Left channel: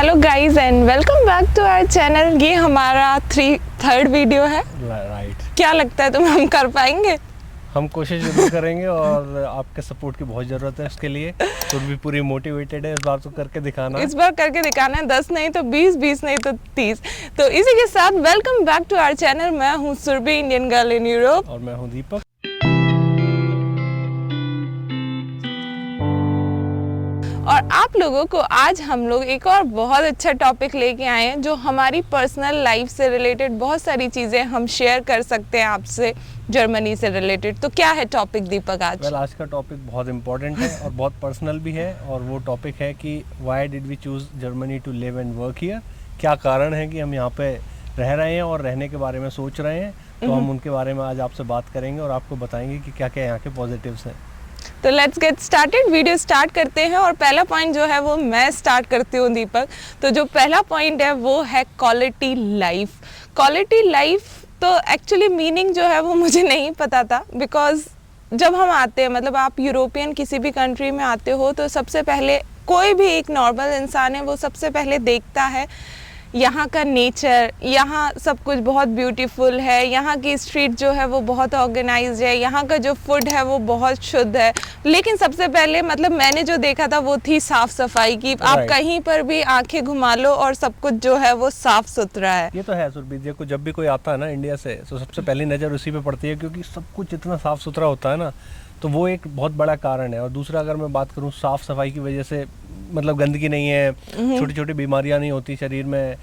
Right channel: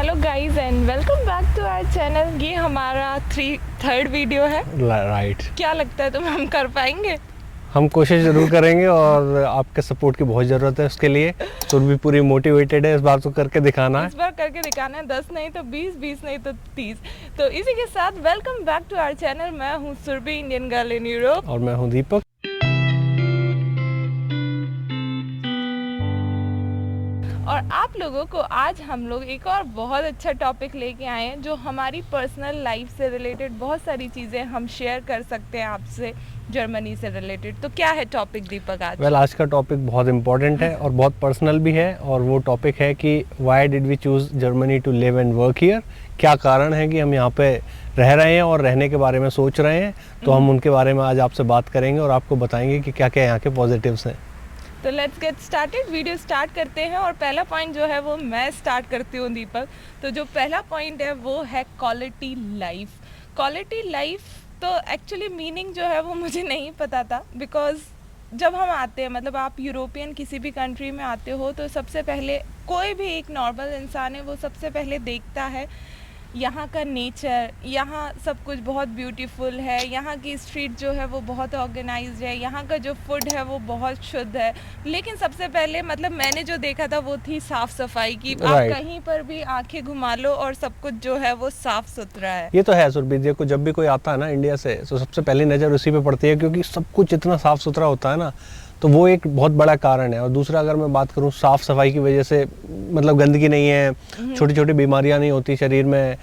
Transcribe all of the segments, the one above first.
Hello guys and welcome back to our channel. ये हमारा third video है। Right. क्या लगता है तुम्हें हम कर पाएंगे? हम कोशिश जरूर करेंगे और आपके सपोर्ट की बहुत ज़रूरत है उसके लिए। सुरभि पूरी मोटिवेटेड है इस बार तो करके दिखाना है। इस बार करके दिखाना है, 10 नहीं तो 20, 20 नहीं तो 30। तो इसी के साथ welcome back to our channel. मैं हूँ Surabhi, Indian girl in Europe. और मैं हूँ दीपक। और आप लोगों को आज हम लोग एक और बहुत अच्छा टॉपिक लेके आए हैं जो हमारी पर्सनल लाइफ से रिलेटेड बहुत सारी चीज़ें हम शेयर कर सकते हैं आपसे, जर्मनी से रिलेटेड। तो क्या है टॉपिक दीपक आज? आज का टॉपिक बहुत इंपॉर्टेंट है और बहुत पर्सनल भी है। और वो टॉपिक है कि why did we choose Germany to live and work here. क्या कारण है कि हम यहाँ पे रह रहे हैं और रहने के बारे में सोच रहे हैं। तो हम उनके बारे में आज आपसे बात करेंगे और आपको बताएंगे कि क्या क्या यहाँ के पॉजिटिव्स हैं। तो let's get started, video start करते हैं। और पहला पॉइंट जो है वो मैं स्टार्ट करती हूँ दीपक। तो जो पहला पॉइंट है वो है क्वालिटी लाइफ। क्वालिटी लाइफ तो एक्चुअली मीनिंग जो है वो मुझे नहीं पता था, बिकॉज जब हम आते हैं, मतलब आप यूरोपियन किसी भी कंट्री में आते हो तो सबसे पहले कोई भी एक नॉर्मल इंसान है वो सबसे पहले देखता है यहाँ का नेचर। यहाँ सब कुछ बहुत ब्यूटीफुल है, यहाँ की स्ट्रीट जो है वो बहुत ऑर्गेनाइज्ड है, यहाँ का जो फूड है वो बहुत शुद्ध है। लेकिन सबसे पहले मतलब मैंने जो देखा था वो थी साफ सफाई की। आप कहीं पर भी आंखें घुमा लो और सब कुछ जो है वो साफ सुथरा है। ये तो है सुरभि। देखो जब भी कोई आता है ना इंडिया से तो सबसे पहली नज़र उसी पे पड़ती है, क्योंकि सब कुछ इतना साफ सुथरा होता है ना। तो वो एक बहुत बड़ा कारण है। और दूसरा अगर मैं बात करूँ साफ सफाई की वजह से, मतलब गंदगी नहीं है, छोटी छोटी बीमारियां नहीं होती शरीर में।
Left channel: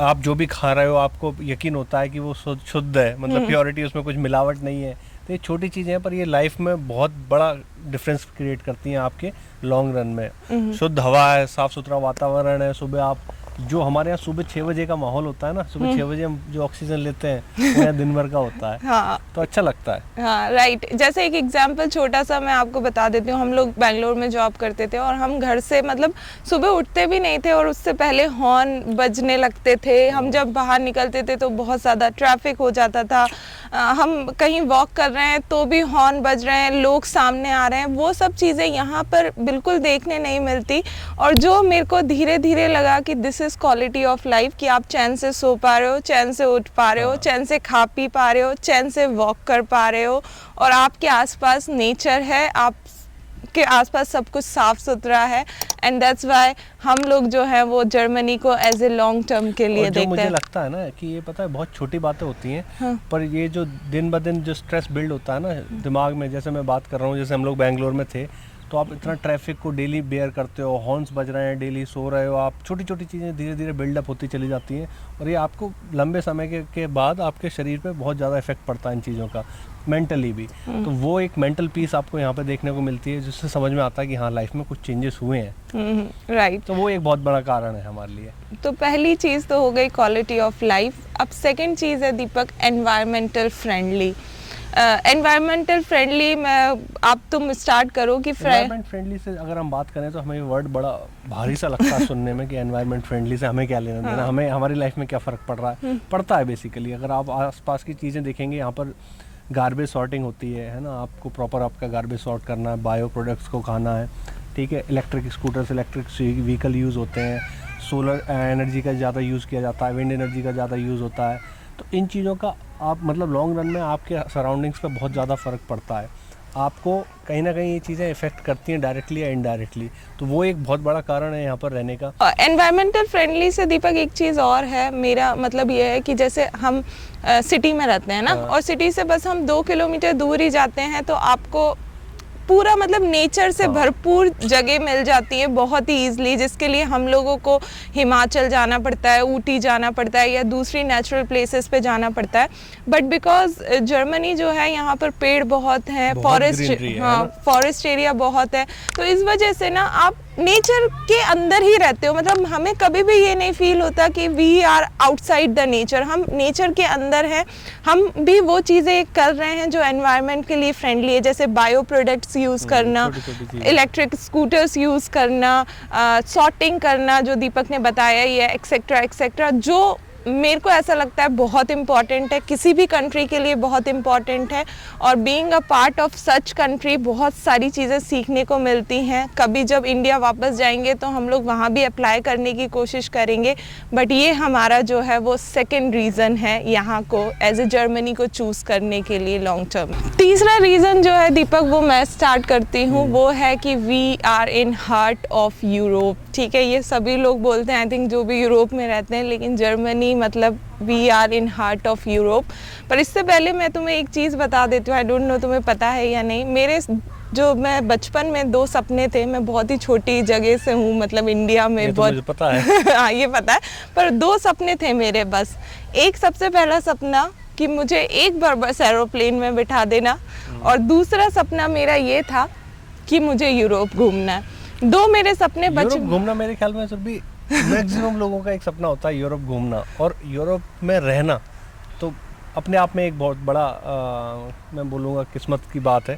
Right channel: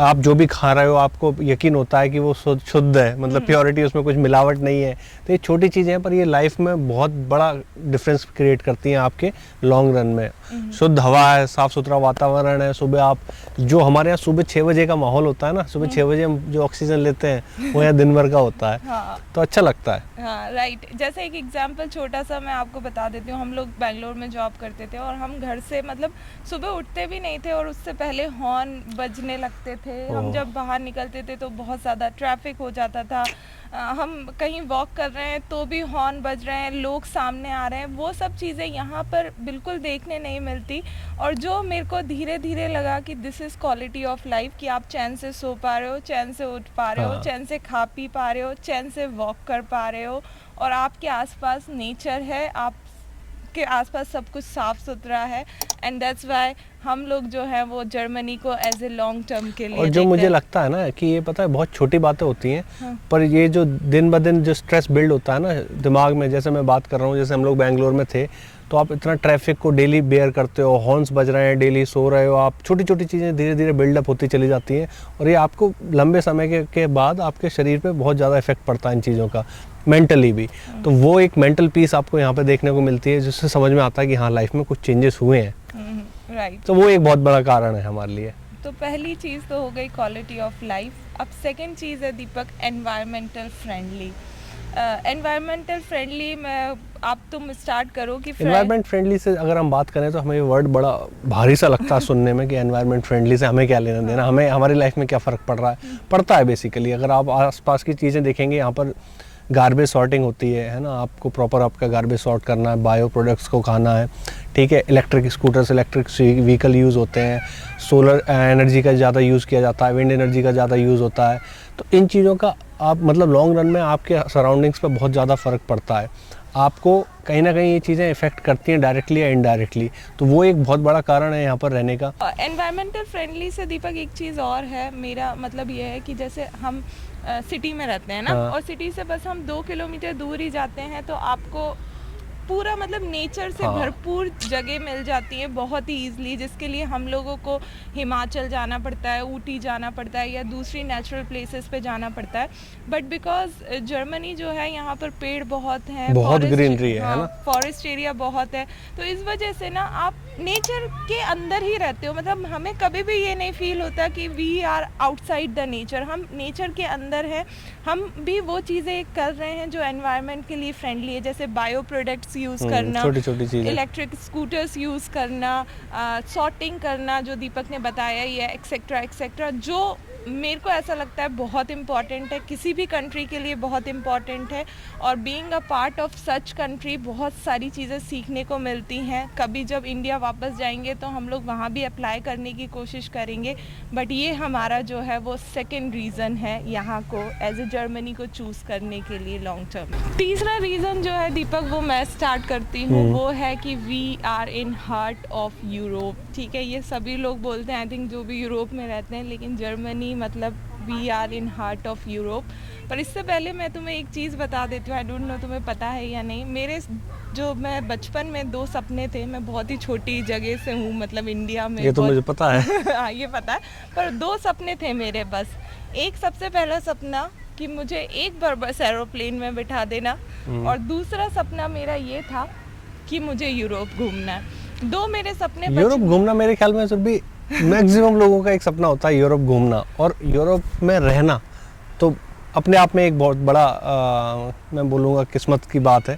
आप जो भी खा रहे हो आपको यकीन होता है कि वो शुद्ध है, मतलब प्योरिटी, उसमें कुछ मिलावट नहीं है। तो ये छोटी चीज़ें हैं पर ये लाइफ में बहुत बड़ा डिफरेंस क्रिएट करती हैं आपके लॉन्ग रन में। शुद्ध हवा है, साफ सुथरा वातावरण है। सुबह आप जो हमारे यहाँ सुबह 6 बजे का माहौल होता है ना, सुबह 6 बजे हम जो ऑक्सीजन लेते हैं वो यहाँ दिन भर का होता है। हाँ। तो अच्छा लगता है। हाँ राइट। जैसे एक एग्जांपल छोटा सा मैं आपको बता देती हूँ। हम लोग बेंगलोर में जॉब करते थे और हम घर से मतलब सुबह उठते भी नहीं थे और उससे पहले हॉर्न बजने लगते थे। हम जब बाहर निकलते थे तो बहुत ज़्यादा ट्रैफिक हो जाता था। हम कहीं वॉक कर रहे हैं तो भी हॉर्न बज रहे हैं, लोग सामने आ रहे हैं। वो सब चीज़ें यहाँ पर बिल्कुल देखने नहीं मिलती। और जो मेरे को धीरे धीरे लगा कि this is quality of life, कि आप चैन से सो पा रहे हो, चैन से उठ पा रहे हो, चैन से खा पी पा रहे हो, चैन से वॉक कर पा रहे हो, और आपके आसपास नेचर है, आप के आसपास सब कुछ साफ सुथरा है। एंड दैट्स व्हाई हम लोग जो है वो जर्मनी को एज ए लॉन्ग टर्म के लिए देखते हैं। मुझे लगता है ना कि ये पता है बहुत छोटी बातें होती हैं। हाँ। पर ये जो दिन ब दिन जो स्ट्रेस बिल्ड होता है ना दिमाग में, जैसे मैं बात कर रहा हूँ, जैसे हम लोग बेंगलोर में थे तो आप इतना ट्रैफिक को डेली बेयर करते हो, हॉर्न्स बज रहे हैं, डेली सो रहे हो आप, छोटी छोटी चीज़ें धीरे धीरे बिल्डअप होती चली जाती हैं। और ये आपको लंबे समय के बाद आपके शरीर पे बहुत ज़्यादा इफेक्ट पड़ता है इन चीज़ों का, मेंटली भी। तो वो एक मेंटल पीस आपको यहाँ पे देखने को मिलती है जिससे समझ में आता है कि हाँ लाइफ में कुछ चेंजेस हुए हैं। राइट। तो वो एक बहुत बड़ा कारण है हमारे लिए। तो पहली चीज़ तो हो गई क्वालिटी ऑफ लाइफ। अब सेकंड चीज़ है दीपक एनवायरमेंटल फ्रेंडली। एनवायरमेंटल फ्रेंडली में आप तुम स्टार्ट करो कि एनवायरमेंट फ्रेंडली से अगर हम बात करें तो हमें ये वर्ड बड़ा भारी सा लगता है सुनने में कि एनवायरमेंट फ्रेंडली से हमें क्या लेना देना, हमें हमारी लाइफ में क्या फ़र्क पड़ रहा है। पड़ता है बेसिकली। अगर आप आसपास की चीज़ें देखेंगे, यहाँ पर गार्बेज सॉर्टिंग होती है ना, आपको प्रॉपर आपका गार्बेज सॉर्ट करना है, बायो प्रोडक्ट्स को खाना है, ठीक है। Electric scooters, electric vehicle use होते हैं, सोलर एनर्जी का ज़्यादा यूज़ किया जाता है, विंड एनर्जी का ज़्यादा यूज़ होता है। तो इन चीज़ों का आप मतलब लॉन्ग रन में आपके सराउंडिंग्स पर बहुत ज़्यादा फ़र्क पड़ता है। आपको कहीं ना कहीं ये चीज़ें इफेक्ट करती हैं डायरेक्टली या इनडायरेक्टली। तो वो एक बहुत बड़ा कारण है यहाँ पर रहने का। एनवायरमेंटल फ्रेंडली से दीपक एक चीज़ और है, मेरा मतलब ये है कि जैसे हम सिटी में रहते हैं ना, और सिटी से बस हम 2 किलोमीटर दूर ही जाते हैं तो आपको पूरा मतलब नेचर से भरपूर जगह मिल जाती है बहुत ही ईजिली, जिसके लिए हम लोगों को हिमाचल जाना पड़ता है, ऊटी जाना पड़ता है या दूसरी नेचुरल प्लेसेस पे जाना पड़ता है। बट बिकॉज जर्मनी जो है यहाँ पर पेड़ बहुत हैं, फॉरेस्ट एरिया बहुत है, तो इस वजह से ना आप नेचर के अंदर ही रहते हो। मतलब हमें कभी भी ये नहीं फील होता कि we are outside the nature, हम नेचर के अंदर हैं। हम भी वो चीज़ें कर रहे हैं जो एनवायरनमेंट के लिए फ्रेंडली है, जैसे बायो प्रोडक्ट्स यूज़ करना, इलेक्ट्रिक स्कूटर्स यूज़ करना, सॉर्टिंग करना जो दीपक ने बताया, ये एक्सेट्रा एक्सेट्रा, जो मेरे को ऐसा लगता है बहुत इम्पॉर्टेंट है, किसी भी कंट्री के लिए बहुत इम्पॉर्टेंट है। और being a part of such country बहुत सारी चीज़ें सीखने को मिलती हैं। कभी जब इंडिया वापस जाएंगे तो हम लोग वहाँ भी अप्लाई करने की कोशिश करेंगे, बट ये हमारा जो है वो सेकेंड रीज़न है यहाँ को एज ए जर्मनी को चूज़ करने के लिए लॉन्ग टर्म। तीसरा रीज़न जो है दीपक वो मैं स्टार्ट करती हूँ, वो है कि we are in heart of Europe. ठीक है, ये सभी लोग बोलते हैं आई थिंक जो भी यूरोप में रहते हैं, लेकिन जर्मनी मतलब we are in heart of Europe. पर इससे पहले मैं तुम्हें एक चीज़ बता देती हूँ, आई डोंट नो तुम्हें पता है या नहीं। मेरे जो मैं बचपन में 2 सपने थे, मैं बहुत ही छोटी जगह से हूँ, मतलब इंडिया में। ये तो मुझे पता है। हाँ ये पता है, पर 2 सपने थे मेरे बस। एक सबसे पहला सपना कि मुझे एक बार बस एरोप्लेन में बिठा देना, और दूसरा सपना मेरा ये था कि मुझे यूरोप घूमना है। 2 मेरे सपने यूरोप घूमना मेरे ख्याल में सिर्फ भी मैक्सिमम लोगों का एक सपना होता है, यूरोप घूमना और यूरोप में रहना। तो अपने आप में एक बहुत बड़ा मैं बोलूँगा किस्मत की बात है।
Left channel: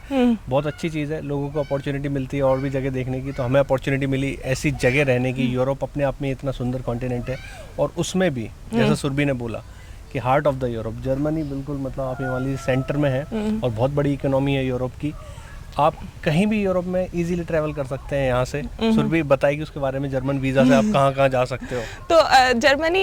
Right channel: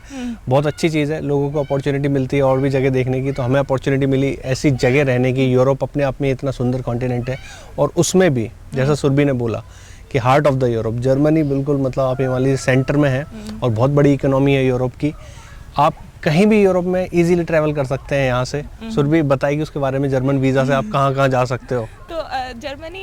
बहुत अच्छी चीज़ है, लोगों को अपॉर्चुनिटी मिलती है और भी जगह देखने की। तो हमें अपॉर्चुनिटी मिली ऐसी जगह रहने की। यूरोप अपने आप में इतना सुंदर कॉन्टिनेंट है, और उसमें भी जैसा सुरभि ने बोला कि heart of the Europe, Germany बिल्कुल मतलब आप हिमालय सेंटर में है और बहुत बड़ी इकोनॉमी है यूरोप की। आप कहीं भी यूरोप में इजीली ट्रैवल कर सकते हैं यहाँ से। सुरभि बताएगी उसके बारे में, जर्मन वीज़ा से आप कहाँ जा सकते हो। तो जर्मनी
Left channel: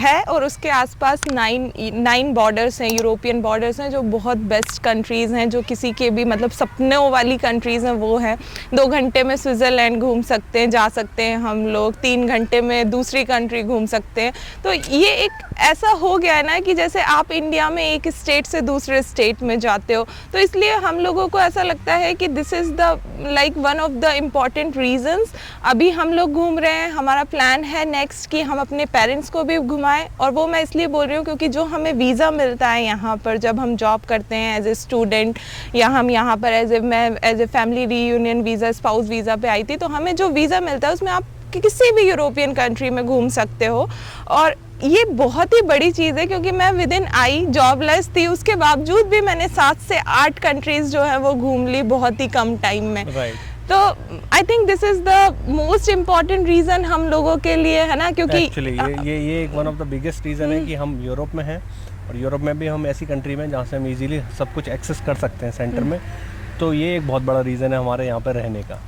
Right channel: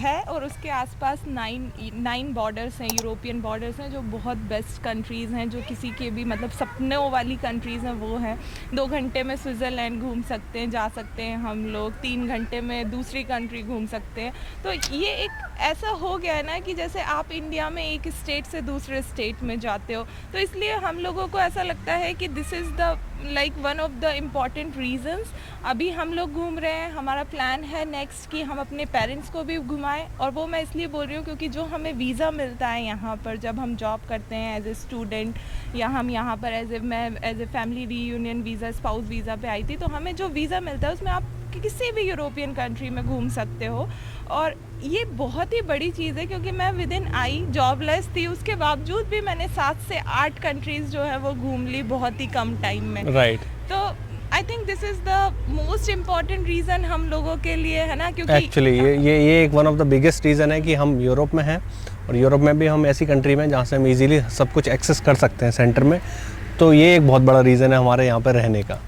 है और उसके आसपास 9 बॉर्डर्स हैं, यूरोपियन बॉर्डर्स हैं, जो बहुत बेस्ट कंट्रीज़ हैं, जो किसी के भी मतलब सपनों वाली कंट्रीज़ हैं वो है। 2 घंटे में स्विट्ज़रलैंड घूम सकते हैं, जा सकते हैं हम लोग। 3 घंटे में दूसरी कंट्री घूम सकते हैं। तो ये एक ऐसा हो गया है ना कि जैसे आप इंडिया में एक स्टेट से दूसरे स्टेट में जाते हो। तो इसलिए हम लोगों को ऐसा लगता है कि this is the like one of the important reasons. अभी हम लोग घूम रहे हैं, हमारा प्लान है नेक्स्ट कि हम अपने पेरेंट्स को भी घुमाएं। और वो मैं इसलिए बोल रही हूँ क्योंकि जो हमें वीज़ा मिलता है यहाँ पर जब हम जॉब करते हैं एज ए स्टूडेंट, या हम यहाँ पर as a family reunion visa, spouse visa पे आई थी, तो हमें जो वीज़ा मिलता है उसमें आप किसी भी यूरोपियन कंट्री में घूम सकते हो। और ये बहुत ही बड़ी चीज़ है क्योंकि मैं विद इन आई जॉबलेस थी, उसके बावजूद भी मैंने 7 से 8 कंट्रीज जो है वो घूम ली बहुत ही कम टाइम में। राइट। तो I think this is the most important reason हम लोगों के लिए, है ना, क्योंकि एक्चुअली ये एक one of the biggest reason है कि हम यूरोप में हैं, और यूरोप में भी हम ऐसी कंट्री में जहाँ से हम इजीली सब कुछ एक्सेस कर सकते हैं सेंटर में। तो ये एक बहुत बड़ा रीज़न है हमारे यहाँ पर रहने का।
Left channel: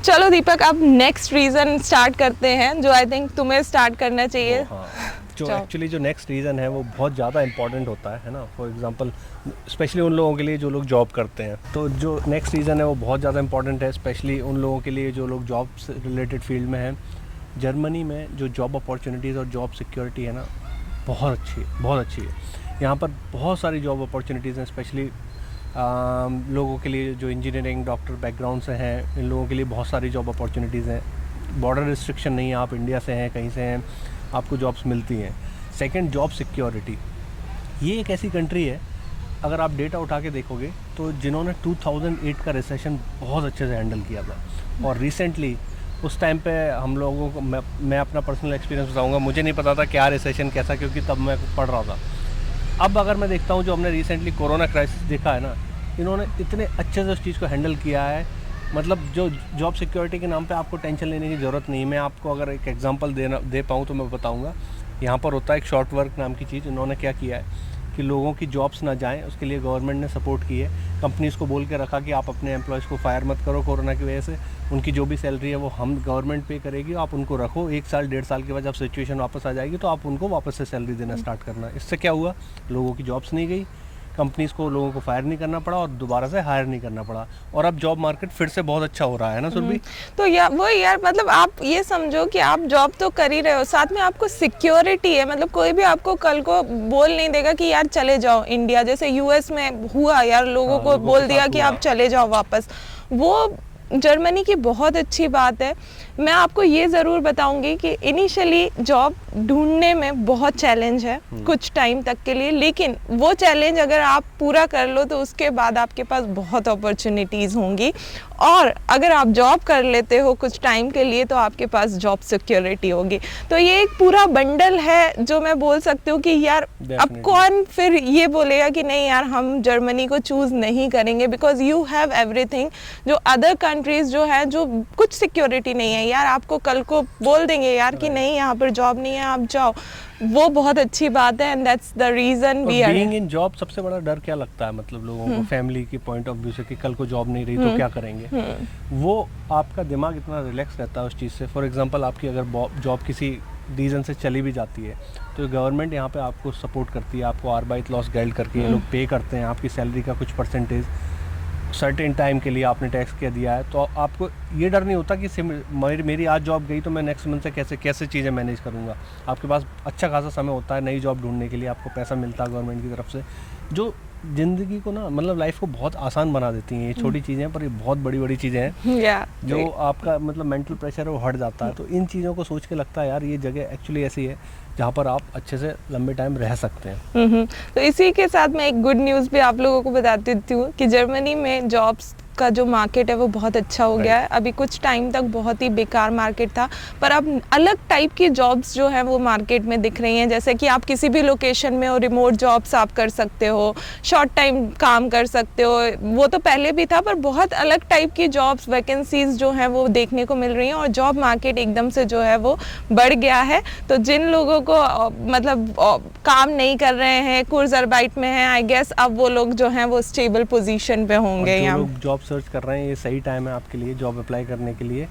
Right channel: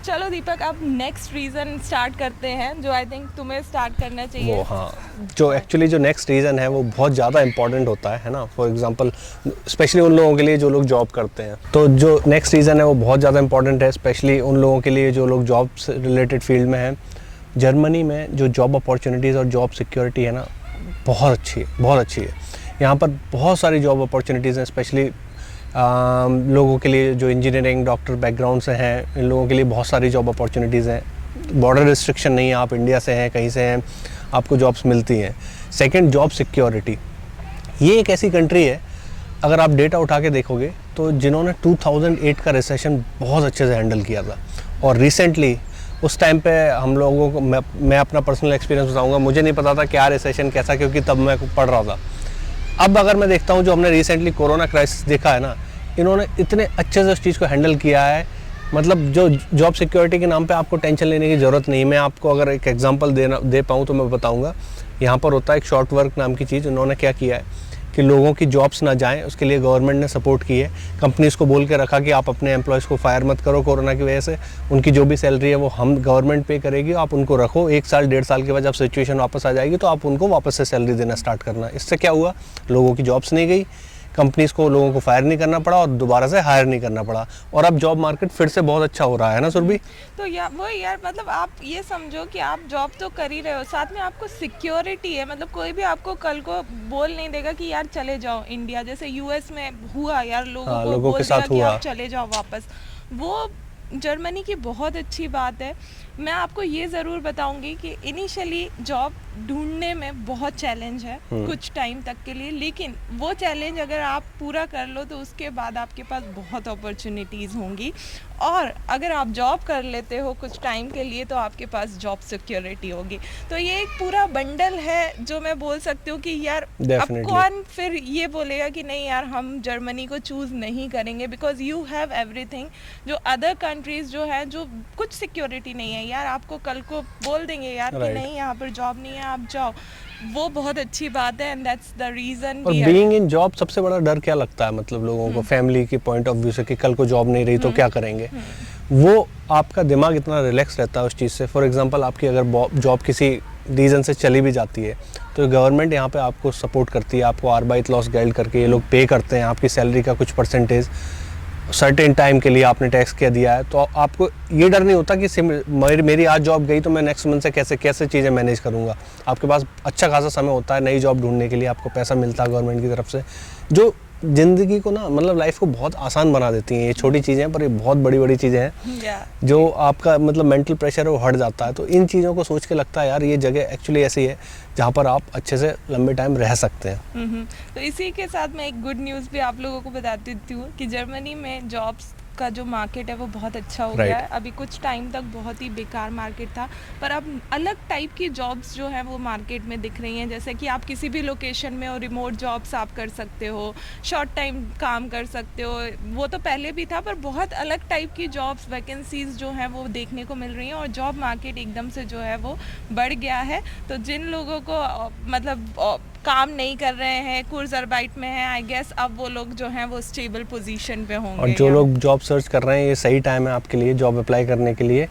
चलो दीपक, अब नेक्स्ट रीज़न स्टार्ट करते हैं जो आई थिंक तुम्हें स्टार्ट करना चाहिए। हाँ, जो एक्चुअली जो नेक्स्ट रीज़न है वो बहुत ज़्यादा इंपॉर्टेंट होता है ना। फॉर एग्जांपल स्पेशली उन लोगों के लिए जो लोग जॉब करते हैं, तो जो नेक्स्ट रीज़न है वो बहुत ज़्यादा इंपॉर्टेंट है, स्पेशली उन लोगों के लिए जो लोग जॉब से रिलेटेड फील्ड में हैं। जर्मनी में जो जॉब अपॉर्चुनिटीज़ और जॉब सिक्योरिटी है ना, बहुत अच्छी है। यहाँ पर बहुत सारी जॉब अपॉर्चुनिटीज़ हैं, स्पेशली लोगों के लिए जो इंजीनियरिंग डॉक्टर बैकग्राउंड से हैं, इन लोगों के लिए बहुत सारी जॉब अपॉर्चुनिटीज़ हैं। बॉर्डर रिस्ट्रिक्शन नहीं है, आप इंडिया से हैं, कहीं से हैं, आपको जॉब्स मिलती हैं। Second, job security. ये एक ऐसी कंट्री है, अगर आप डेटा उठा के देखोगे तो जिन्होंने 2008 का रिसेशन बहुत अच्छे से हैंडल किया था, और रिसेंटली उस टाइम पे हम लोगों को, मैं अपना पर्सनल एक्सपीरियंस बताऊँगा, मुझे नहीं पता था क्या रिसेशन कैसा, क्योंकि तब मैं पढ़ रहा था। अब अगर मैं देखता हूँ जो हमने रिसेंटली कोरोना क्राइसिस देखा है ना, इन्होंने इतने अच्छे से उस चीज़ को हैंडल किया है। मतलब जो जॉब सिक्योरिटी के नाम पे आपको टेंशन लेने की ज़रूरत नहीं है। मैं आपको अगर एक एग्जांपल दे पाऊँ तो मैं बताऊँगा। यहाँ पर होता है एक शॉर्ट वर्क नाम की चीज़। उन्होंने क्या किया है कि लोगों की जॉब्स ना जाएं, उसके लिए गवर्नमेंट ने सपोर्ट की है। कंपनीज़ को बोल के रखा कि आप अपने एम्प्लॉयज़ को फायर मत करो कोरोना की वजह से, उनकी जो भी सैलरी है वो हम गवर्नमेंट पे करेगी, आप उनको रखो। 1 साल 1.5 साल के बाद जब सिचुएशन वापस आ जाएगी तो आप उनको वापस से सैलरी देना स्टार्ट करना। इससे क्या हुआ, लोगों की जॉब्स नहीं गई, कंपनीज को लोगों को फायर नहीं करना पड़ा और दोबारा से हायर नहीं करना पड़ा, और अब जॉब मार्केट फिर से बहुत अच्छा हो रहा है ना सुरभि। तो यार मतलब आप ये समझो कि आप जॉब तो कर ही रहे हो, साथ में आपको सिक्योरिटी है। मतलब कोई भी आपको कल को बोल नहीं देगा कि यार चले जाओ इंडिया, जैसे यूएस में हुआ यार, लोगों को बोल दिया कि आप चले जाओ वापस। वो जर्मनी की बहुत अच्छी बात है। मैं आपको ये ज़रूर बताऊंगी कि इनिशियली जॉब ढूंढने में बहुत चैलेंज है कुछ टाइम तक के लिए, लेकिन वो चैलेंज अगर आप पूरा कर लो तो उसके बाद आपके पास बहुत अपॉर्चुनिटीज़ होंगी। और अगर आप जॉब कर लेते हो कुछ टाइम के लिए तो आपके पास जॉब सिक्योरिटी होगी। तो ये एक पूरा बंडल है जो मैं बोल सकती हूँ कि यार अब कौन फिर ये बोलेगा कि नहीं यार हम जर्मनी को चूज़ नहीं करेंगे, बिकॉज यू हैव एवरीथिंग। जो अदर कंट्रीज जो है जो कुछ सिक्योरिटी नहीं है, यार, आपको कल को बोल देंगे यार कि नहीं यहाँ पर जॉब नहीं है, आप जाओ, वो बहुत अच्छी बात है। And that's the reason we are being in job. सबसे बड़ा डर क्या लगता है मतलब लोगों को फैमिली के पॉइंट ऑफ व्यू से कि कल को जॉब नहीं रही तो क्या करेंगे, वो आपका दिमाग इतना रिलैक्स रहता है उस चीज़ से। फॉर एग्जांपल आपकी अगर जॉब किसी रीज़न से चली भी जाती है तो गवर्नमेंट यहाँ पे आपको सपोर्ट करती है, आपको आर्बाइट लॉस गाइड करके ये लोग पे करते हैं आपकी सैलरी का कुछ परसेंटेज सर्टेन टाइम के लिए आपने टैक्स क्या दिया है, तो आपको ये डर नहीं होता कि मेरी आज जॉब गई तो मैं नेक्स्ट मंथ से कैसे चीज़ें मैनेज करूँगा। आपके पास अच्छा खासा समय होता है नई जॉब ढूंढने के लिए, आपको पैसा मिलता है गवर्नमेंट की तरफ से, जो ज़िंदगी को ना मतलब लाइफ को बहुत आसान बना देती हैं। ये छोटी चीज़ें हैं पर ये बहुत बड़ी बड़ी चीज़ें हैं जो आपका मतलब मेंटल प्रेशर है वो हट जाता है। तो इन चीज़ों को सोच के लगता है यार ये जगह एक्चुअली ऐसी है जहाँ पर आप अच्छे से लंबे टाइम रह सकते हैं। तो इसी के साथ मैं एक गुड न्यूज़ भी आप लोगों को बता देती हूँ कि जर्मनी में जॉब्स का जो मार्केट है वो बहुत अच्छा हो गया है। अभी कुछ टाइम तक बहुत ही बेकार मार्केट था, पर अब अलग टाइप की जॉब्स जो है वो मार्केट में दिख रही हैं। जैसे कि आप किसी भी लोकेशन में हो, रिमोट जॉब्स आप कर सकते हो, शॉर्ट टाइम काम कर सकते हो। वो तो पहले भी था, पर बहुत अलग टाइप की जॉब्स वैकेंसीज जो हैं वो देखने को मिल रही हैं और जॉब मार्केट एकदम से जो है वो बढ़ गया है। तो जिन लोगों को मतलब काम नहीं कर रहे हैं, कुर्ज़ारबाइट में हैं, आई गेस अब वो लोग जो हैं वो स्टेबल पोजीशन पे होंगे। और जो लोग जॉब सर्च कर रहे हैं ये सही टाइम है आपके लिए जॉब अप्लाई करने के लिए।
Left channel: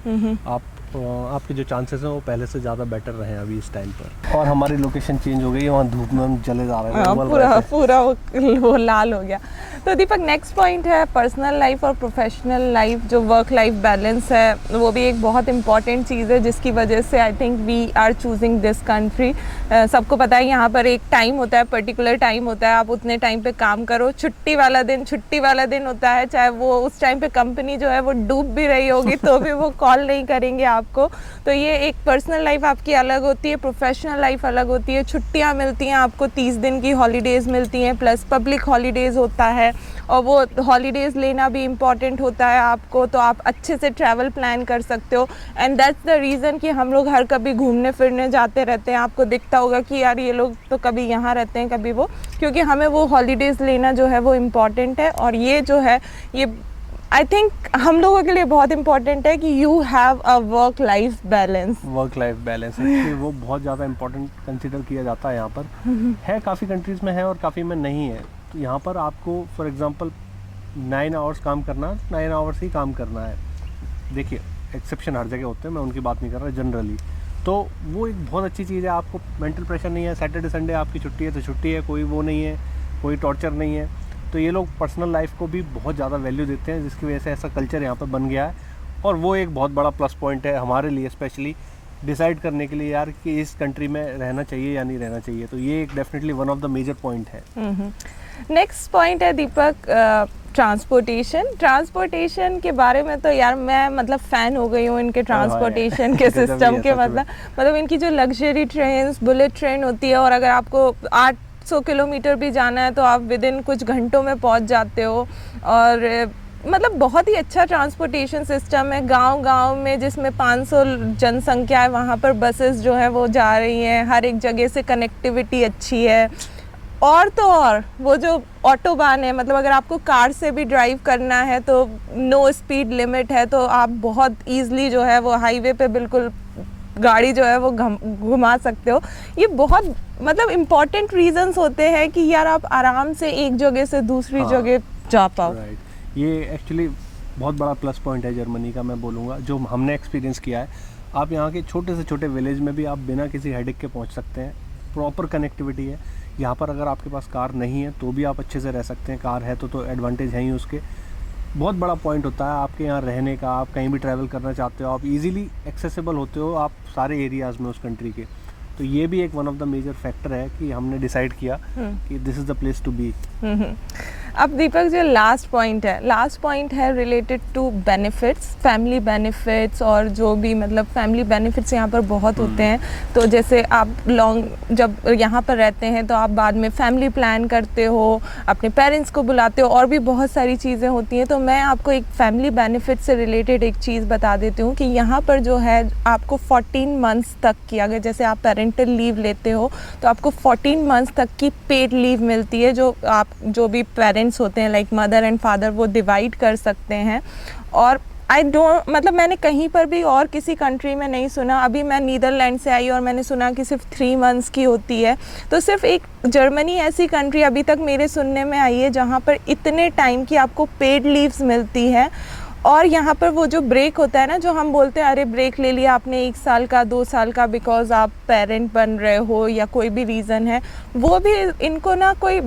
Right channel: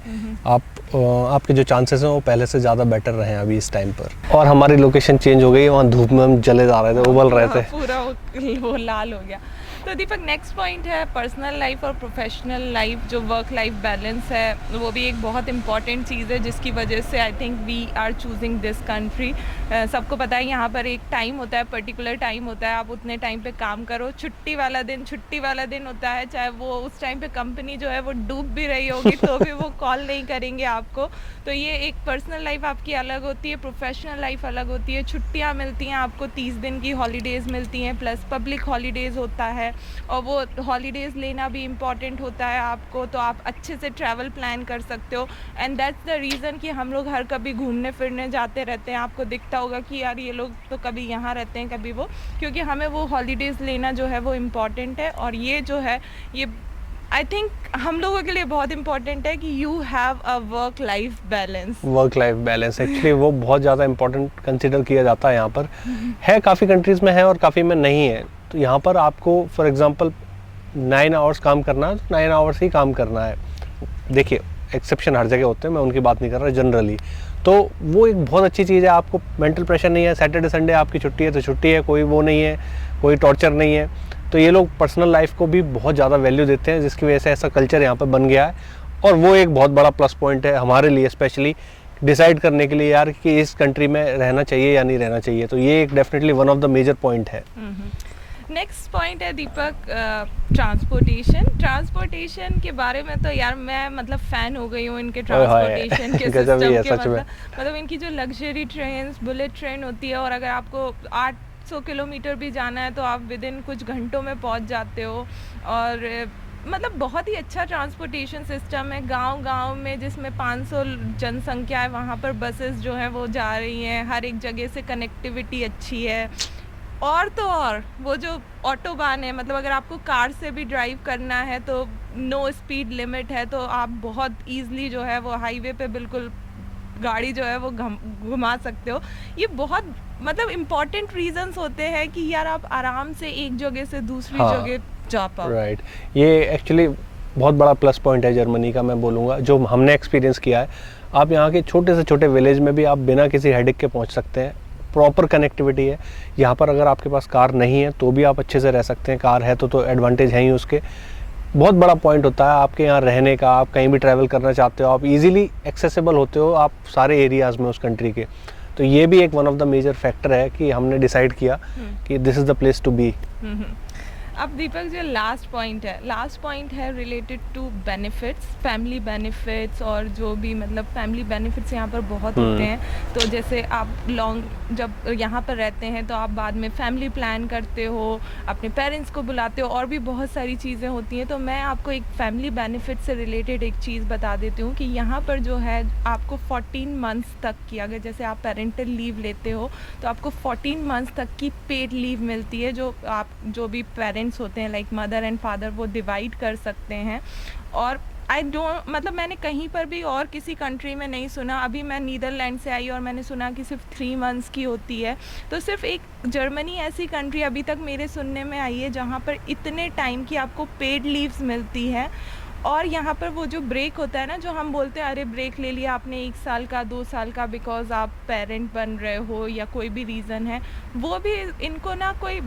आपके जो चांसेस हैं वो पहले से ज़्यादा बेटर रहे हैं अभी इस टाइम पर। और हमारी लोकेशन चेंज हो गई, वहाँ धूप में हम जले जा रहे थे, उबल रहे थे, पूरा वो लाल हो गया। तो दीपक, नेक्स्ट पॉइंट है पर्सनल लाइफ और प्रोफेशनल लाइफ, जो वर्क लाइफ बैलेंस है वो भी एक बहुत इंपॉर्टेंट चीज़ है जिसकी वजह से I think we are choosing this country. सबको पता है यहाँ पर एक टाइम होता है, पर्टिकुलर टाइम होता है, आप उतने टाइम पे काम करो। छुट्टी वाला दिन होता है, चाहे वो उस टाइम पे कंपनी जो है वो डूब भी रही होगी तो भी वो कॉल नहीं करेंगे आपको। तो ये एक पर्सनल लाइफ आपकी अलग होती है, प्रोफेशनल लाइफ अलग होती है। छुट्टियाँ मिलती हैं आपको, 30 दिन की हॉलीडेज़ मिलती हैं, प्लस पब्लिक हॉलीडेज़ होता है और वो हॉलीडेज़ लेना भी इम्पॉर्टेंट होता है आपको, तो आप अच्छे से ट्रैवल प्लान कर सकते हो। एंड दैट्स द रीज़न कि हम लोग हर कभी घूमने फिरने जाते रहते हैं। आपको दिखता होगा कि यार ये लोग तो कभी यहाँ रहते हैं कभी वो, क्योंकि हमें वो हॉलीडेज़ लेना जो है वो इम्पॉर्टेंट है। और ये जो है ये आई थिंक हम लोगों के लिए बहुत इंपॉर्टेंट है कि you have a work life balance. Work life balance actually वो बहुत ज़्यादा इंपॉर्टेंट कंसिडर किया जाता है यहाँ पर। है काफ़ी कंट्रीज़ में है और काफ़ी में नहीं है। तो यहाँ पर आपको फॉर एग्जांपल 9 आवर्स काम करना है, 9 आवर्स ही काम करना है। देखिए एक्सेप्शन हर जगह होते हैं, मैं उनकी बात नहीं कर रहा, जनरली तो वो एक बहुत अच्छी चीज़ है। आपको मेंटल प्रेशर नहीं है, सैटरडे संडे आपकी छुट्टी है तो छुट्टी है, कोई वो नहीं है, कोई टॉर्चर नहीं है। तो ये लोग पर्सनल लाइफ को भी बहुत ज़्यादा वैल्यू देते हैं, जिसकी वजह से ऐसा कल्चर यहाँ पर बन गया है। और वो एक बहुत बड़ा प्लस पॉइंट है हमारे लिए, स्पेशली डिसाइड करने के लिए यार कि इस कंट्री में रहना चाहिए या नहीं रहना चाहिए। तो ये एक definitely one of the major point है। नेक्स्ट पॉइंट है दीपक, ट्रांसपोर्टेशन के बारे में तो यार मैं मतलब फ़ैन हो गई हूँ इनके ट्रांसपोर्टेशन के सिस्टम के। मतलब इनकी जो लग्जरी ट्रेन, बुलेट ट्रेन होती है, और अगर आपको 800 किलोमीटर भी जाना है तो आप विद इन कुछ घंटों में पहुँच जाते हो। और मतलब बहुत ही अच्छा ट्रांसपोर्टेशन सिस्टम है। गांव में जिसमें 500 जनसंख्या है वहाँ पर बसेस जो है वो जा रही हैं, हर एक जगह से कनेक्टिविटी अच्छी है। और तो और वो जो ऑटोबान है, मतलब अगर आपको कार से भी ड्राइव करना है तो नो स्पीड लिमिट है, तो आप बहुत ईजिली जो है वो हाईवे पे बिल्कुल गाड़ी जो है वो घुमा सकते हो। ये बहुत मतलब इम्पोर्टेंट रीजंस होते हैं कि यार आप आराम से एक जगह से दूसरी जगह जा पाओ। राइट, ये एक्चुअली बहुत बड़ा प्लस पॉइंट है जर्मनी का, मैं बोलूँगा, जो हमने एक्सपीरियंस किया है। आप यहाँ के छोटे से छोटे विलेज में भी आप बिना किसी हेडेक के पहुँच सकते हैं। प्रॉपर कनेक्टिविटी है यहाँ पर। अगर आपके पास कार नहीं है तो भी आप अच्छे से रह सकते हैं, कार है तो एडवांटेज है ही उसके। बहुत बड़ा पॉइंट होता है आपके यहाँ रहने का। आप कहीं भी ट्रैवल करना चाहते हो, आप इजीली एक्सेसिबल होते हो आप सारे एरियाज़ में उस कंट्री के। तो ये भी एक one of the major factor है कि हमने डिसाइड किया कि this is the place to be. अब दीपक जो लास्ट पॉइंट है related to benefits, family benefits, और जो भी मतलब फैमिली बेनिफिट्स यहाँ पर बहुत होते हैं। तो जैसे आप जब यहाँ पर रहते हैं तो आप बाद में फैमिली प्लान करते हो, अपने पेरेंट्स को बुलाते हो, और भी बहुत सारी चीज़ें होती हैं। तो मैं आपको एक फैमिली बेनिफिट से रिलेटेड एक चीज़ बता देती हूँ कि यहाँ पर जो है आपको 14 मंथ्स तक की, अगर जैसे आप पेरेंटल लीव लेते हो तो आपको 14 मंथ्स तक की पेड लीव मिलती है, जो भी पेरेंट्स होते हैं लाइक मदर एंड फादर वो डिवाइड कर सकते हैं। और आई डोंट, मतलब मैंने कहीं पर भी और किसी कंट्री में नहीं सुना। अभी मैं नीदरलैंड से आई और मैंने सुना कि सिर्फ 3 मंथ्स की होती है। तो सिर्फ एक जर्मनी ऐसी कंट्री अभी तक मेरे सुनने में आई है जहाँ पर इतने टाइम की आपको पेड लीव्स मिलती है। और यहाँ पर वो जो ब्रेक होता है ना, जो हम बोलते हैं अरे ब्रेक ले लिया आपने 1 साल का 2 साल का बिकॉज आप पेरेंट बन रहे हो या कोई भी रीज़न है, वो भी इनको ना कोई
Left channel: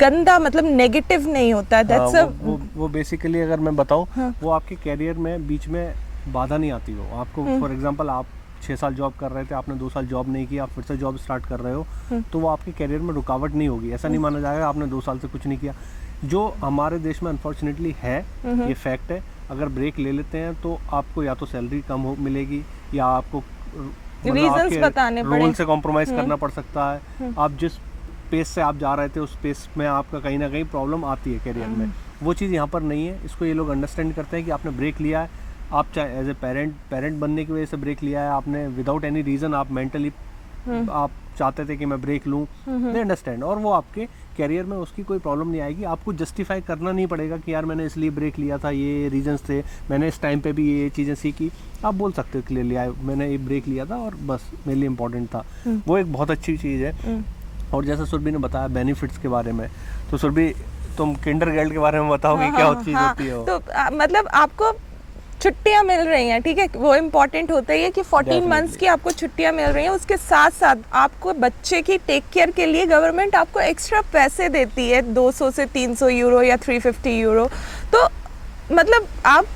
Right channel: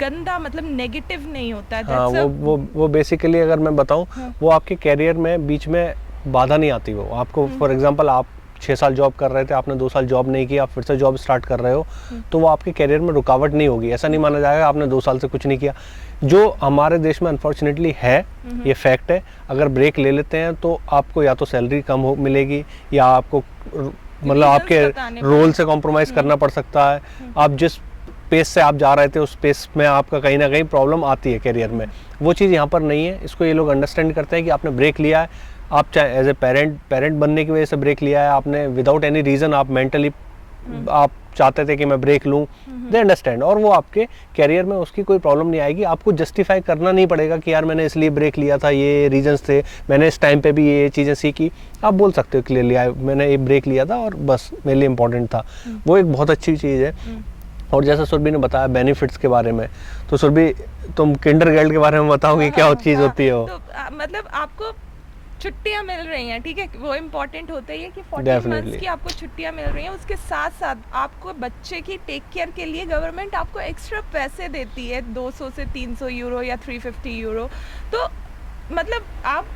गंदा मतलब नेगेटिव नहीं होता है। हाँ, वो बेसिकली अगर मैं बताऊँ, वो आपके कैरियर में बीच में बाधा नहीं आती। वो आपको फॉर एग्जांपल आप 6 साल जॉब कर रहे थे, आपने 2 साल जॉब नहीं किया, फिर से जॉब स्टार्ट कर रहे हो, तो वो आपके कैरियर में रुकावट नहीं होगी। ऐसा नहीं माना जाएगा आपने 2 साल से कुछ नहीं किया, जो हमारे देश में अनफॉर्चुनेटली है, ये फैक्ट है। अगर ब्रेक ले लेते हैं तो आपको या तो सैलरी कम मिलेगी या आपको मतलब आपके रोल से कॉम्प्रोमाइज करना पड़ सकता है। आप जिस पेस से आप जा रहे थे उस पेस में आपका कहीं ना कहीं प्रॉब्लम आती है कैरियर में। वो चीज़ यहाँ पर नहीं है। इसको ये लोग अंडरस्टैंड करते हैं कि आपने ब्रेक लिया है, आप चाहे एज ए पेरेंट बनने की वजह से ब्रेक लिया है आपने, विदाउट एनी रीज़न आप मेंटली आप चाहते थे कि मैं ब्रेक लूं, दे अंडरस्टैंड। और वो आपके कैरियर में उसकी कोई प्रॉब्लम नहीं आएगी। आपको जस्टिफाई करना नहीं पड़ेगा कि यार मैंने इसलिए ब्रेक लिया था, ये रीजंस थे, मैंने इस टाइम पे भी ये चीज़ें सीखी। आप बोल सकते हो क्लियरली मैंने ये ब्रेक लिया था और बस मेरे लिए इंपॉर्टेंट था। वो एक बहुत अच्छी चीज़ है। और जैसा सुरभि ने बताया बेनिफिट्स के बारे में, तो सुरभि तुम किंडरगार्टन के बारे में बताओगे क्या चीज़ होती है वो? तो मतलब आपको छुट्टियां मिल रही हैं, ठीक है, वो इम्पोर्टेंट होता ही है कि 14 मंथ्स की आपको छुट्टियां मिल रही हैं। उसके साथ साथ आपको बच्चे की टेक केयर के लिए गवर्नमेंट आपको एक्स्ट्रा पैसे देती है, 200 से 300 यूरो या 350 यूरो। तो मतलब आपको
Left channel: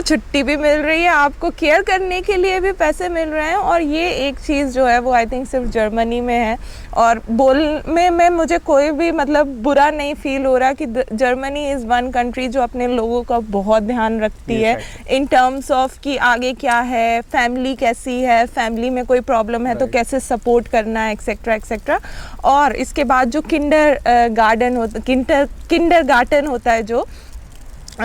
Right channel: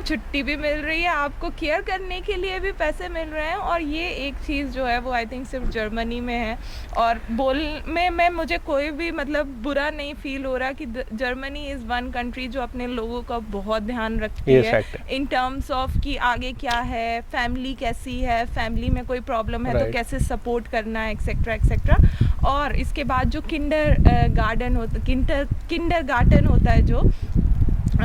छुट्टी भी मिल रही है, आपको केयर करने के लिए भी पैसे मिल रहे हैं। और ये एक चीज़ जो है वो आई थिंक सिर्फ जर्मनी में है। और बोलने में मुझे कोई भी मतलब बुरा नहीं फील हो रहा कि जर्मनी इज़ वन कंट्री जो अपने लोगों का बहुत ध्यान रखती है इन टर्म्स ऑफ कि आगे क्या है, फैमिली कैसी है, फैमिली में कोई प्रॉब्लम है तो कैसे सपोर्ट करना है, एक्सेट्रा एक्सेट्रा। और इसके बाद जो किंडर गार्डन होता है,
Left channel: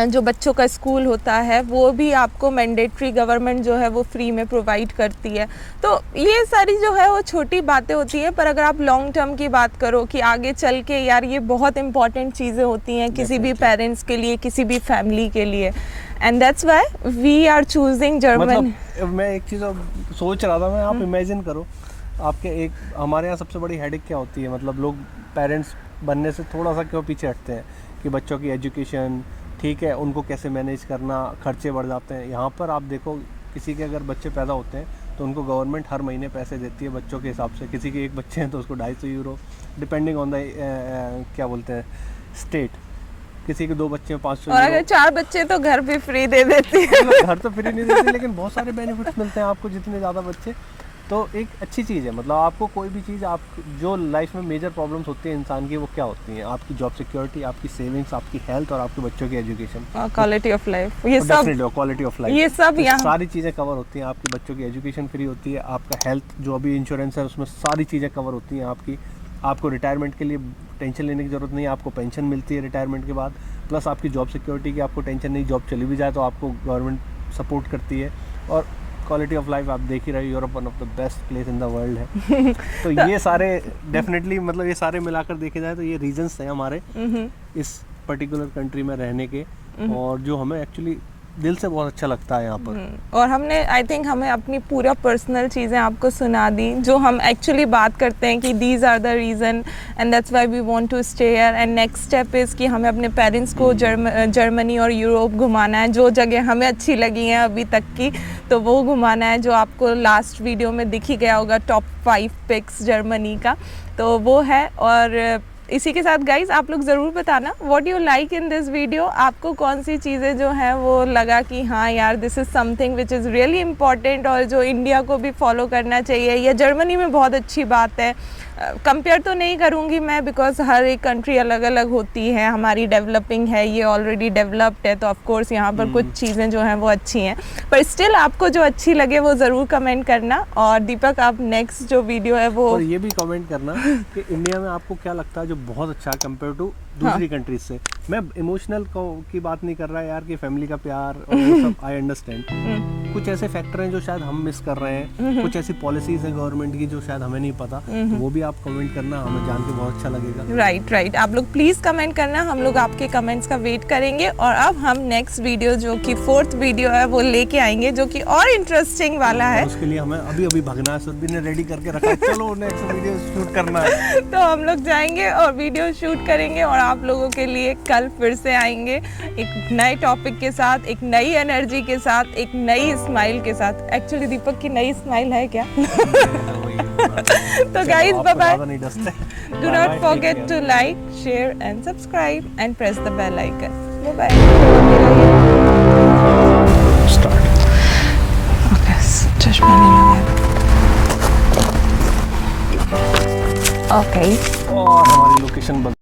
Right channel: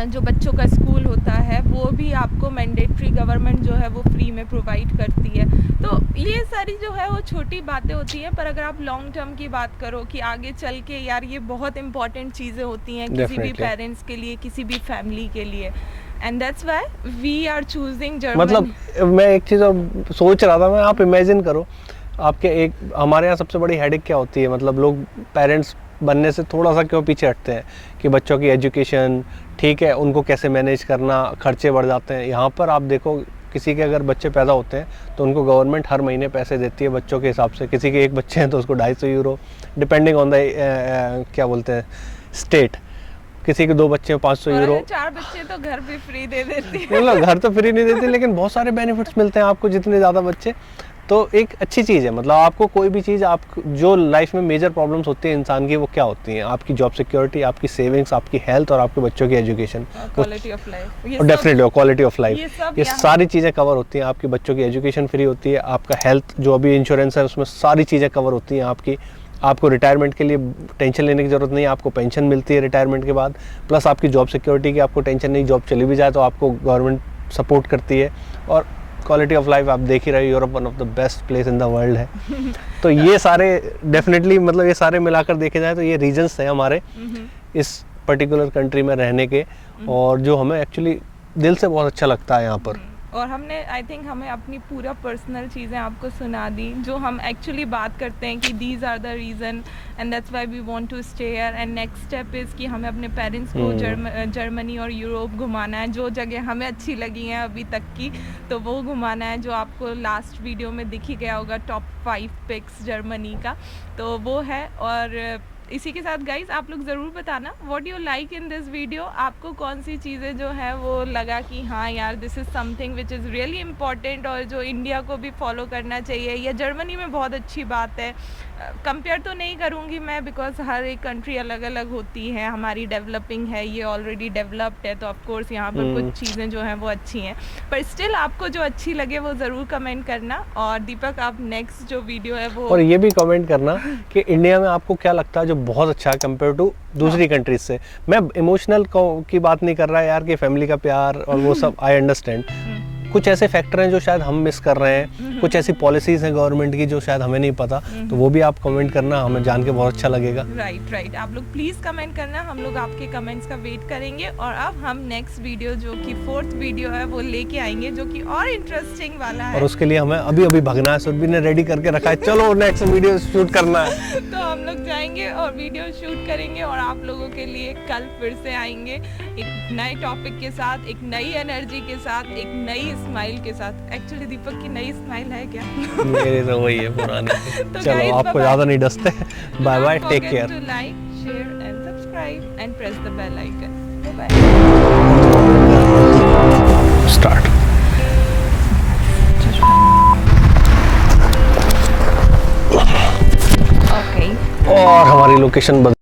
जो बच्चों का स्कूल होता है, वो भी आपको मैंडेटरी गवर्नमेंट जो है वो फ्री में प्रोवाइड करती है। तो ये सारी जो है वो छोटी बातें होती हैं, पर अगर आप लॉन्ग टर्म की बात करो कि आगे चल के यार ये बहुत इंपॉर्टेंट चीज़ें होती हैं किसी भी पेरेंट्स के लिए, किसी भी फैमिली के लिए। And that's why we are choosing Germany. मतलब मैं एक चीज़ सोच रहा था, मैं आप इमेजिन करो आपके हमारे यहाँ सबसे बड़ी हेडेक क्या होती है, मतलब लोग पेरेंट्स बनने से थोड़ा सा क्यों पीछे हटते हैं कि बच्चों की एजुकेशन, ठीक है, उनको कैसे मैनेज करना, खर्चे बढ़ जाते हैं। यहाँ पर आप देखो किसी के अगर बच्चे पैदा होते हैं तो उनको गवर्नमेंट हर महीने पैसे देती है बच्चों के हिसाब से। किसी के 1 बच्चे हैं तो उसको 250 यूरो, डिपेंडिंग ऑन द क्या बोलते हैं स्टेट। किसी के 2 बच्चे 500 यूरो। अगर 4 बच्चे तो घर भी फ्री दे देती है। मतलब घर तो फ्री नहीं देती, लेकिन बहुत सारे बेनिफिट्स मिलते हैं आपको जितने ज़्यादा बच्चे। तो एक अच्छी चीज़ है। मतलब आपको कोई भी चीज़, आप जो लाइफ में मेजर प्रॉब्लम्स होती है इंसान की, वो क्या होती हैं? आपकी जॉब सिक्योरिटी, आपकी सेविंग्स, आपकी हेल्थ और आपके बच्चों की एजुकेशन, क्वालिटी ऑफ लाइफ, ये डेफिनेटली क्वालिटी ऑफ लाइफ, ये सारी चीज़ें कवर होती हैं। आपके बच्चों की एजुकेशन फ्री होती है, आपका हेल्थ जो अभी इंश्योरेंस है उसमें सारी चीज़ें कवर होती हैं आपकी। आपको रिटायरमेंट के लिए टेंशन लेने की ज़रूरत नहीं है, आपको पेंशन मिलती है रिटायरमेंट के बाद। प्लस आपकी जॉब सिक्योरिटी की आपको टेंशन नहीं, जॉब चली भी जाए तो आपको गवर्नमेंट सपोर्ट करती है। और क्वालिटी ऑफ लाइफ आप देख ही रहे हो, Europe one of the best place in the world है। तो ये सारे डेफिनेटली, मतलब ये सारे मिलाकर देखे जाए तो ये रीजंस हैं हमारे इस पर्टिकुलर कंट्री में रहने के, और जो हमें एक्चुअली दिल से बहुत अच्छा लगता है यहाँ पर। और हमने आई थिंक हमें अपनी पूरा पर्सनल चीज़ें आपको सुना दी, जो हम एक्चुअली बात करते हैं कि these are the reason and that's why we want to stay here. And next step is कि हमें अपने पेरेंट्स को जर्मनी और यूरोप घुमाना है। जो जगह हमें अच्छी लगी हैं अभी तक की, तो वो घुमाना है, जो आपको लास्ट वीडियो में दिख ही गया होगा, टॉप 5 पिक्स जर्मनी का, तो वो है। और इसी के साथ गाइज आप लोग ज़रूर बताना what you like in this video. आपको कौन सी चीज़ें जो है वो लगा कि हाँ यार this is something which is really important और जो इंडिया को भी फॉलो करना चाहिए, या जर्मनी में बहुत अच्छी बात है। कंपेयर तो नहीं करूँगी मैं, बिकॉज हर एक कंट्री अलग अलग होती है। हमारी डेवलपिंग है, ये ऑलरेडी डेवलप्ड है, तो ऑफकोर्स यहाँ पर कुछ चीज़ें जो हैं वो अच्छी हैं, पर स्टिल आपको जो अच्छी लगे वो ज़रूर कमेंट करना। और दीपक आप नेक्स्ट जो वीडियो है वो, और ये भी कमेंट करना कि इंडिया में आपको क्या लगता है जो बहुत अच्छा है कंपेयर टू दूसरी कंट्रीज से। मैं इमोशनल की बात नहीं कर रहा यार कि फैमिली का प्यार और वो सब आई अंडरस्टैंड, कुछ ऐसे फैक्टर हैं जो शायद हम मिस कर रहे हैं, कुछ ऐसी पॉलिसीज हैं गवर्नमेंट की जो शायद हमें नहीं पता, तो वो भी आप कमेंट करना, हमें जान के बहुत अच्छा लगेगा। राइट, आप लोग प्लीज कमेंट करना, हम लोग आपके कमेंट्स का वेट करेंगे। और अब हम नेक्स्ट वीडियो जो कि 4th वीडियो है वो लेके आएंगे, जो कि और इंटरेस्टिंग वाला है। और उसके लिए हमें अभी भगना है, सुरभि ने रेडी करके रखा है, चलो नेक्स्ट वीडियो शूट करना है। तो हम लोग जाएंगे और वीडियो शूट करेंगे और आप लोगों के लिए कल फिर से आएंगे एक नए टॉपिक के साथ, एक नई एनर्जी के साथ, एक नई स्माइल के साथ। एक्चुअली दीपक की नई स्माइल है क्या? मेरी तो वही है पुरानी। तो चलो, गाइस, आपको ज्यादा नहीं डसते। Do bye bye, not take forget care. to like, share and subscribe and press the bell icon. Bye bye. Start. Okay. और हमारी लोकेशन